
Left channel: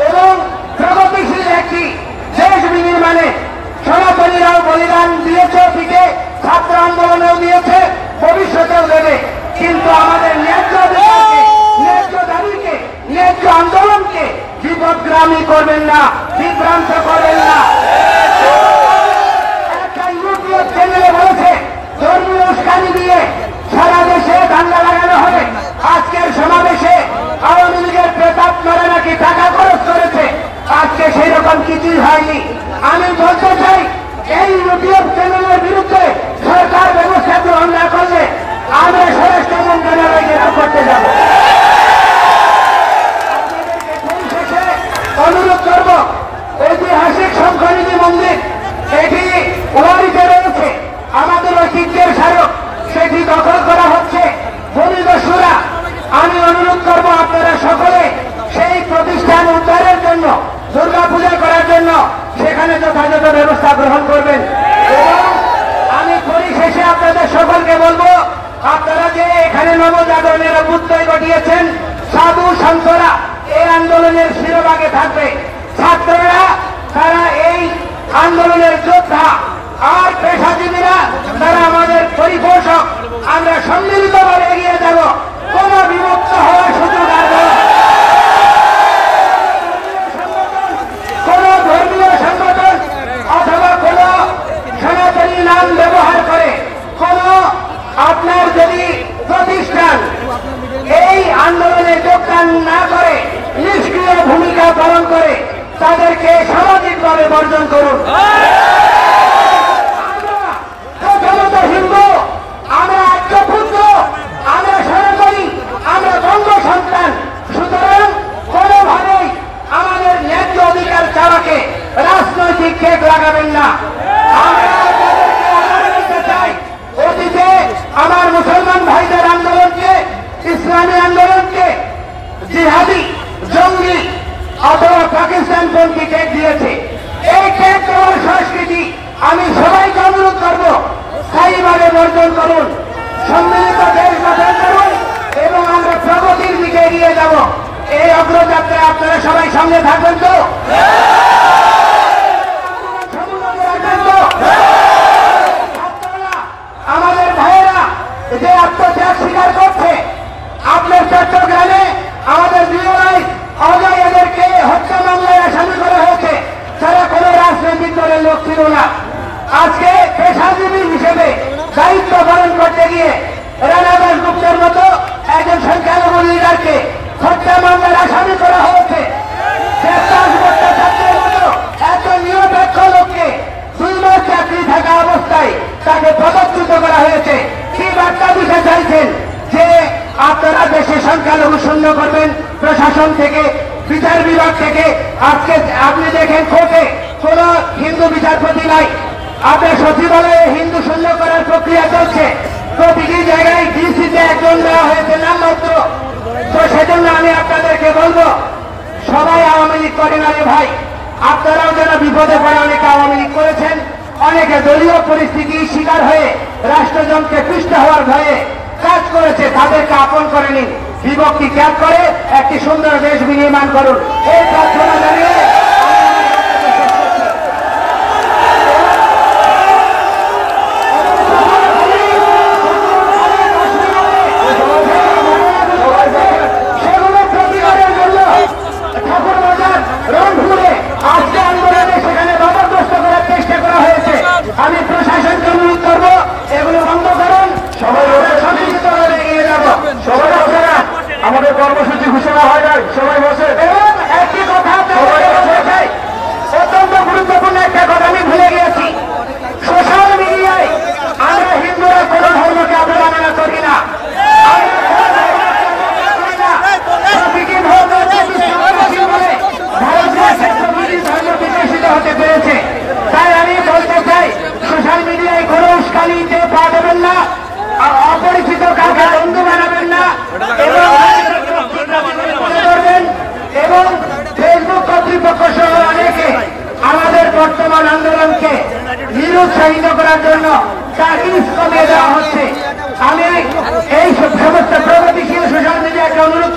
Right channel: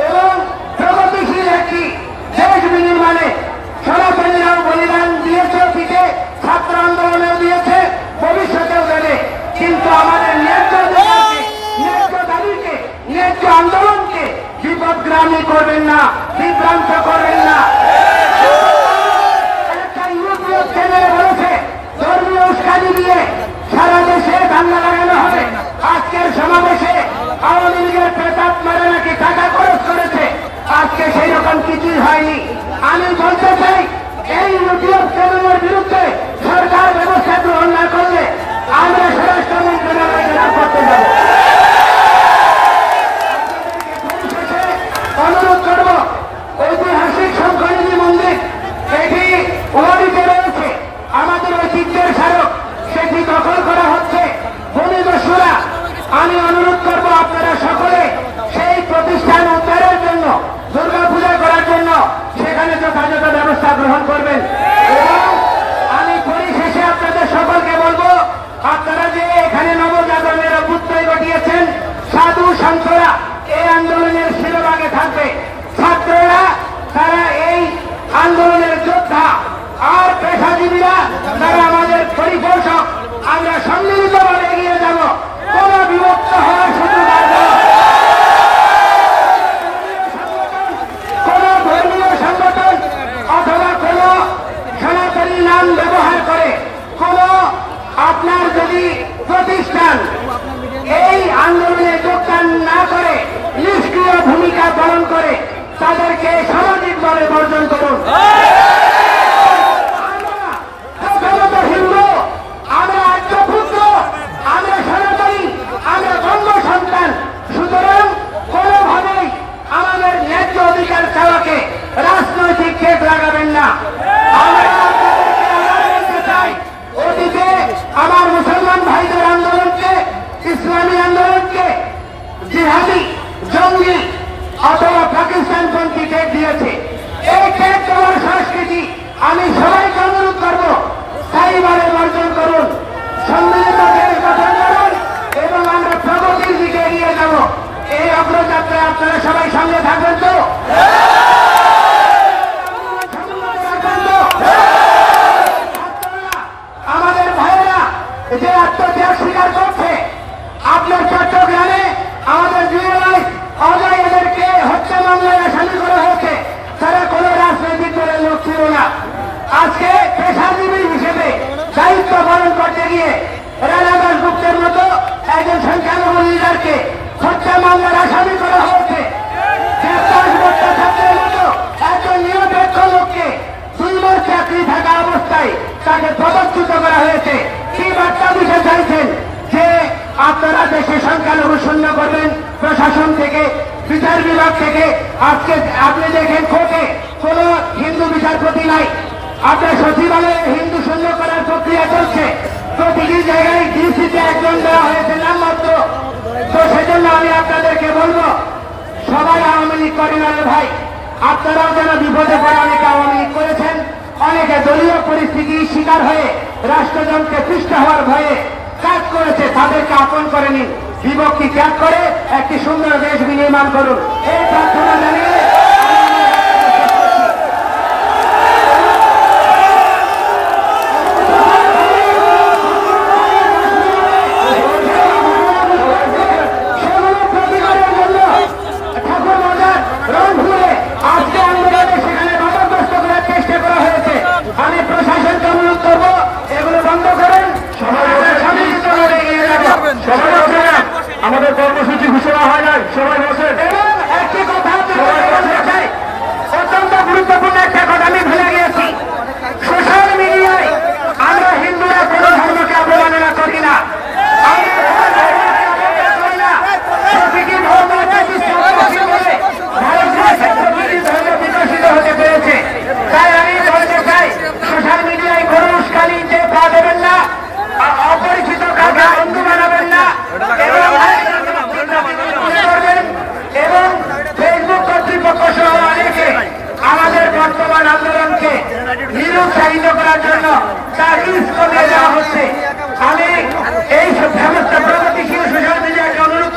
এবং প্রগতিশীল একটি দেশ বিনির্মাণে সনাতনীরাও বলিদান দিয়েছে, অতীতে ছাত্র আন্দোলনেও দিয়েছে, ভবিষ্যতেও দেবে। কিন্তু আমাদের ন্যায্য অধিকারকে, ন্যায্য দাবিকে, ন্যায্য আন্দোলনকে বিপদগ্রামী করবেন না, বিভ্রান্ত করবেন না। একটা ইউটিউব চ্যানেলে বলেছে ধর্মীয় উস্কানি দিয়ে সারা দেশে দাঙ্গা লাগানো হবে। আজকের সমাবেশে আওয়ামী লীগের প্রেতাত্মারা নাকি টাকা খরচ করেছে, আজকে সেই রকম কিছুই হয়নি। আমি বলতে চাই এই ইউটিউব চ্যানেলের বিরুদ্ধে সরকার ব্যবস্থা গ্রহণ না করলে আমরা স্বরাষ্ট্র মন্ত্রণালয়ে যেটা করতে যাব। অনুরোধ করব, ঐতিহাসিক শঙ্করী মন্দির এটি ওয়ারিতে রয়েছে, আমাদের ঐতিহ্যের স্মারক, সেটি দখল করা হচ্ছে ভূমিদস্যুরা। আমি অনুরোধ করব আপনারা সকলে সেই প্রতিষ্ঠান উদ্ধারের জন্য, দুর্গাপূজা করার জন্য সেখানে যথাযথ ব্যবস্থা গ্রহণ করবেন। এবং আমি পরিশেষে আপনাদের সকলকে বলবো, আপনারা যে এখানে নবজাগরণের অভ্যুদয় ঘটিয়েছেন, সাধু সন্তরা এই আন্দোলনের শিরোভাগে থাকবে। ছাত্ররা তারা এই আন্দোলনের যোদ্ধা, আর পেশাজীবীরা তারা আমাদের পরিপোষক। আমরা সম্মিলিতভাবে এগিয়ে যাব, কোন বিভক্ত হওয়ার সুযোগ আর কোন ধর্মীয় সংগঠন অথবা কোন সনাতনী নাম ব্যবহার করে কোন আপনার যদি প্রতিষ্ঠান এই আন্দোলনে যোগদান না করে, নিষ্ক্রিয় ভূমিকা পালন করে, তাদেরকে সামাজিকভাবে বর্জন করুন। হিন্দু, আমরা আত্মপুত্র, আমরা সনাতনী, আমরা বঙ্গ সন্তান। সুতরাং কোনোভাবেই আমাদের ন্যায্য অধিকার চাওয়াকে রাজনৈতিক কেক লাগাবেন না। অতীতে আমার মুসলমান ভাইদের আন্দোলনকে, ইসলামী আন্দোলনকে জিহাদি, জঙ্গি অথবা পাকিস্তানপন্থী টেক দিয়েছে। এই টেক দেওয়ার সংস্কৃতি আমি সবাইকে অনুরোধ করব, স্থায়ীভাবে বর্জন করুন, সম্মিলিত দেশ গঠন করুন এবং আমরা প্রগতির দিকে এগিয়ে যাব। এই অগ্রযাত্রায় আপনারা সবাই সামনে থাকবেন তো? আমাদের ভাইয়েরা যে আত্মত্যাগ স্বীকার করছে, আপনার চট্টগ্রামে আমাদের বিএলআই অজয়দেরকে হত্যা মামলায় আসামি করা হয়েছে, তারা কোন রাজনৈতিক দলের লোক ছিল না। আজকে পেশাজীবী হিসেবে দায়িত্ব পালন করতে গিয়ে রানা দাসগুপ্তের মতো একজন সংখ্যালঘু লিডারকে হত্যা মামলার আসামি করা হয়েছে। একজন নিরপেক্ষ লোককে 2 মাস চাকরি থাকা অবস্থায় তাকে পদচ্যুত করা হয়েছে। থেকে কি বার্তা দিতে চাইছেন যে আপনারা দেশে সংখ্যালঘু শূন্য করবেন? প্রশাসন থেকে, বিচার বিভাগ থেকে। আজকে আপনি দেখেন কোর্টে কোন হিন্দু বিচারপতি নাই, আপনার সচিবালয়ে হিন্দু শূন্য করার প্রক্রিয়া চলছে। প্রতিটি জায়গায় ডিসিতে একজন দেওয়া হয়েছে নামমাত্র। তো সেজন্য আমি আপনাদেরকে বলবো, সবাই আওয়ামী লীগ করে না রে ভাই, আপনারাও যেন বিপদে পড়ে অনেকে আওয়ামী লীগ করেছেন, অনেকে দলীয় পরিস্থিতির শিকার হয়ে রাষ্ট্রযন্ত্রে পৃষ্ঠ হওয়ার ভয়ে কাজ করেছে, তাদেরকে আপন করে নিন, বিভক্তি ত্যাগ করে একটি সুন্দর দেশ বিনির্মাণ করুন, এই প্রার্থনা জানিয়ে আমি প্রশাসনকে অনুরোধ করবো এগুলো বন্ধ করুন। আমাদের কর্মসূচি ঘোষণা হয় নাই, সবাই বসে। এবং একটি কথা অত্যন্ত গুরুত্বপূর্ণ একটা কথা আমি ভুলে গিয়েছি, সোশ্যাল মিডিয়ায় আমরা হিন্দুরা কোনো ধর্মকে অবমাননা করি না, প্রকৃতি ধর্ম বিকশিত হতে পেরেছে। তাই আমি বলতে চাই, সোশ্যাল মিডিয়ায় কোনো উস্কানিতে পা দেবেন না, অপরিচিত কাউকে বন্ধু বানাবেন না, এবং ফেসবুক কর্তৃপক্ষ সহ অনেকে আমাদের বর্তমান আন্দোলনকে নিরুৎসাহিত করার জন্য তার রিস্ক কমিয়ে দেওয়া হচ্ছে। আমি এই সমস্ত প্রগতিশীল সোশ্যাল মিডিয়াকে অনুরোধ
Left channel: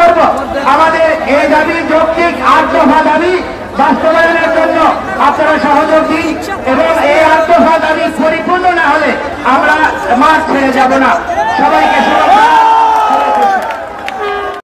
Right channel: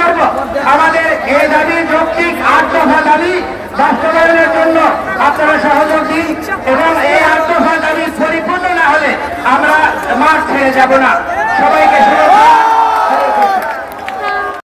করবো, আমাদের এই দাবির যৌক্তিক 8 দফা দাবি বাস্তবায়নের জন্য আপনারা সহযোগ দিন, এবং এই 8 দফা দাবি পরিপূর্ণ না হলে আমরা মাঠ ছেড়ে যাব না। সবাইকে